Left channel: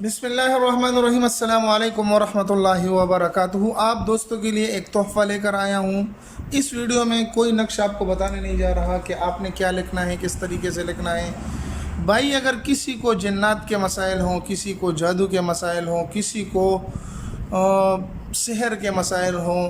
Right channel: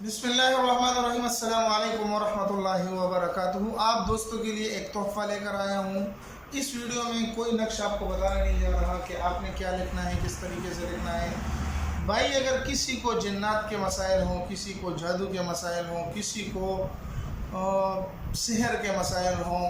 बिस्मिल्लाहिर्रहमानिर्रहीम, अस्सलामु अलैकुम वरहमतुल्लाहि वबरकातुहू। आप दोस्तों के लिए एक तोहफ़ा लेकर आया हूँ। इस वीडियो में कोई नक्श आपको बताने नहीं जा रहा कि आपने क्या लिखना है, किस तरीके से लिखना है। भाई, अगर किसी को जन्नात के मसाइल हों, किसी को जादू के मसाइल हों, किसी को सिहर के मसाइल हों,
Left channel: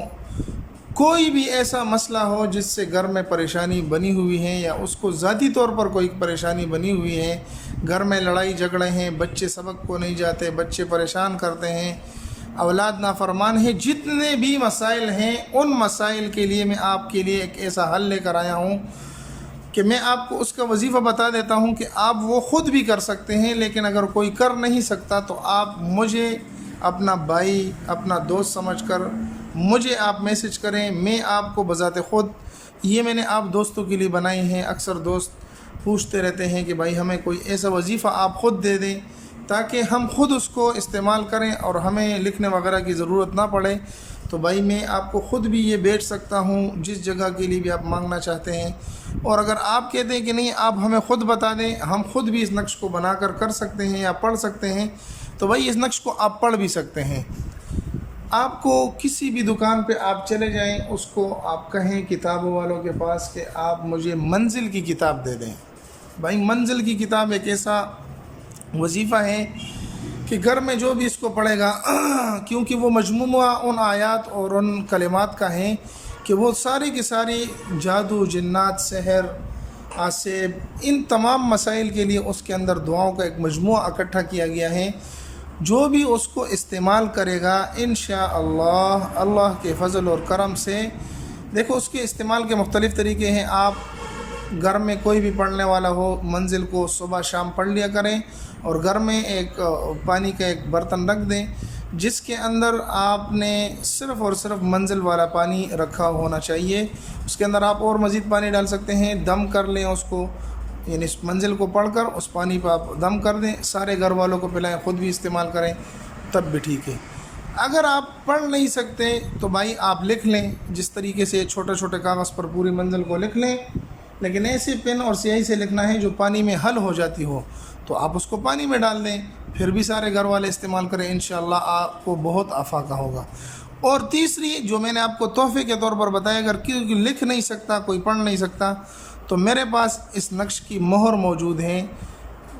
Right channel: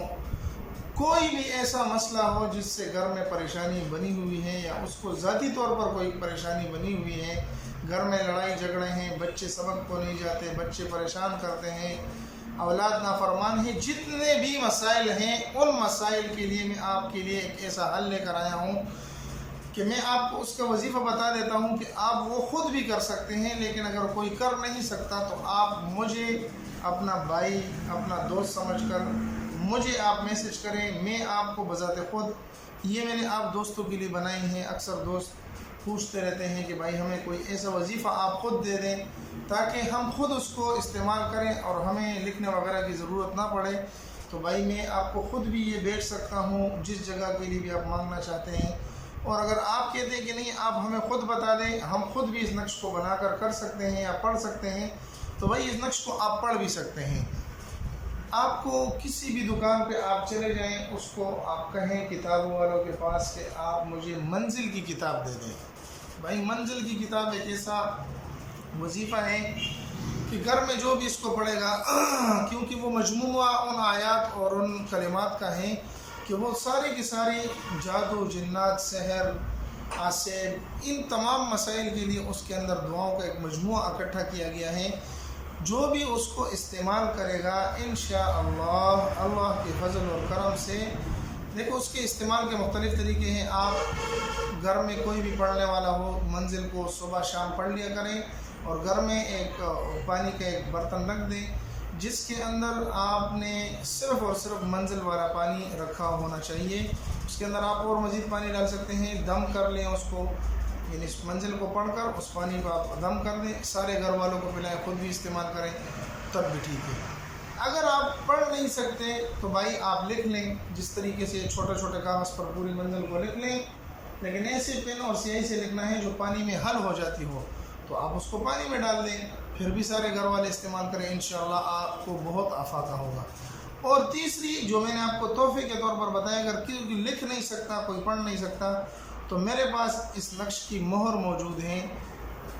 कोई भी ऐसा मसला हो जिससे घर में परेशानी बनी हुई है या उसको ज़ाती तौर पर कोई परेशानी बनी हुई है, घर में लड़ाई झगड़े हैं, बच्चे सबक को नहीं जाते, बच्चे परेशान करते हैं, औलाद नाफरमान है, जितने भी मसाइल हैं उन मसाइल के लिए मैं आपके लिए एक ऐसा हल लेकर आया हूँ कि मैं आपको उसका वजीफ़ा बता देता हूँ कि आप वो ख़ुद भी कर सकते हैं। लेकिन अगर कोई कर नहीं सकता तो आप मुझे अपना भाई, अपना दोस्त समझकर मुझे आप मैसेज करें। मैं आपको बज़ाते ख़ुद, ये मैंने आप दोस्तों के लिए बनाई हैं। अक्सर दोस्त पूछते रहते हैं कि भाई हमें कोई ऐसा वजीफ़ा आप ख़ुद दे दें ताकि हम ख़ुद उसको इस्तेमाल करें और हमें लिखने वगैरह की ज़रूरत ना पड़े। तो भाई मैं आपको ख़ुद भी ये भेज सकता हूँ जिस जगह के लिए भी आप मांगना चाहते हैं। और अगर आप कहते हैं कि नहीं, आप हमें ख़ुद बता दें, हम ख़ुद भी इस नक्श को बनाकर कर सकते हैं या पढ़ सकते हैं, तो भाई इस नक्श को आप पढ़ भी सकते हैं। आपको किसी भी दुकान पे आप चले जाएं, उसको आप कहें किताबों वालों के पास कि आप मुझे मंजिल की किताब दे दें। भाई, मंजिल की किताब एक ऐसा वजीफ़ा है कि घर में जो भी इसको पढ़ेगा क्योंकि वो मजमूआ उन आयात और उन कलिमात का है कि वो सारी की सारी जादू, जिन्नात, सहर, आसेब, इन तमाम मसाइल के लिए उसके अंदर दुआओं का एक मजमूआ इकट्ठा किया गया है। जो भी उसको इस्तेमाल करेगा इंशाअल्लाह अल्लाह के फ़ज़ल और करम से, देखो उसके इस्तेमाल के मुख्तलिफ़ तरीके हैं। आप घर में कोई भी पढ़ने वाला हो, मंजिल को सुबह शाम पढ़ लिया करें और घर में एक पानी का एक बर्तन रख दें जिसके अंदर आपने सिर्फ़ और सिर्फ मंजिल वाला पानी रखा होना चाहिए। उसके अंदर आप और मज़ीद पानी डाल सकते हैं, दम कर लें उसको, यानी इस मंजिल को पढ़कर उस पानी पर आप दम कर दें, सारे घर वालों को पिलाएं, ख़ुद भी इस्तेमाल करें, तब भी ठीक है। अगर आप पढ़ नहीं सकते तो भाई आप लिख लें, जिस तरीके से छोटे छोटे कागज़ पर पूरी मंजिल को लिख लें, लेकिन ऐसे पेन और स्याही से लिखना है जो पानी में हल हो जाती हो, तो आप उसको पानी में डाल दें, फिर भी सारे घर वाले इस्तेमाल करें, इंशाअल्लाह आपको बहुत आफाका होगा। और तीसरी जो मैंने आपको तोहफ़े के तौर पर बताया, अगर कोई लिख नहीं सकता, कोई पढ़ नहीं सकता, तो मेरे पास इस नक्श की मोहर मौजूद है,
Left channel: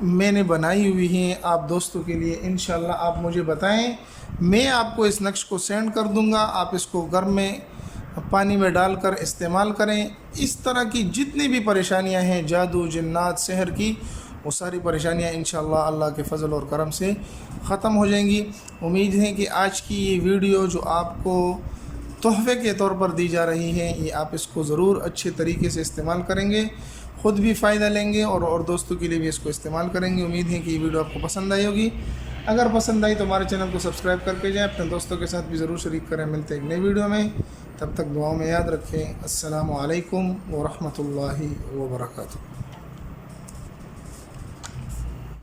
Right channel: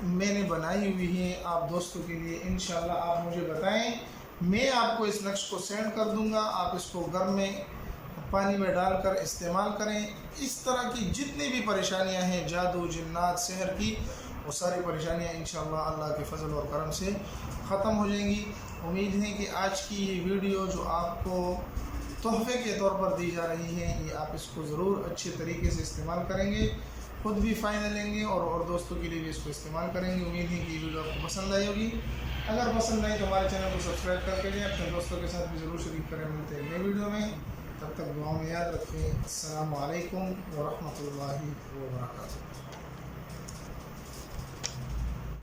मैंने बनाई हुई है आप दोस्तों के लिए। इंशाअल्लाह आप मुझे बताएं, मैं आपको इस नक्श को सेंड कर दूंगा। आप इसको घर में पानी में डालकर इस्तेमाल करें। इस तरह की जितनी भी परेशानियां हैं, जादू, जिन्नात, सहर की, वो सारी परेशानियां इंशाअल्लाह अल्लाह के फ़ज़ल और करम से ख़त्म हो जाएंगी। उम्मीद है कि आज की ये वीडियो जो आपको तोहफ़े के तौर पर दी जा रही है, ये आप इसको ज़रूर अच्छे तरीके से इस्तेमाल करेंगे, ख़ुद भी फ़ायदा लेंगे और दोस्तों के लिए भी इसको इस्तेमाल करेंगे। उम्मीद है कि ये वीडियो आपको पसंद आई होगी। अगर पसंद आई तो हमारे चैनल को सब्सक्राइब करके जाएँ, अपने दोस्तों के साथ भी ज़रूर शरीक करें। मिलते हैं एक नई वीडियो में, तब तक दुआओं में याद रखें। अस्सलामु अलैकुम व रहमतुल्लाहि व बरकातुहू।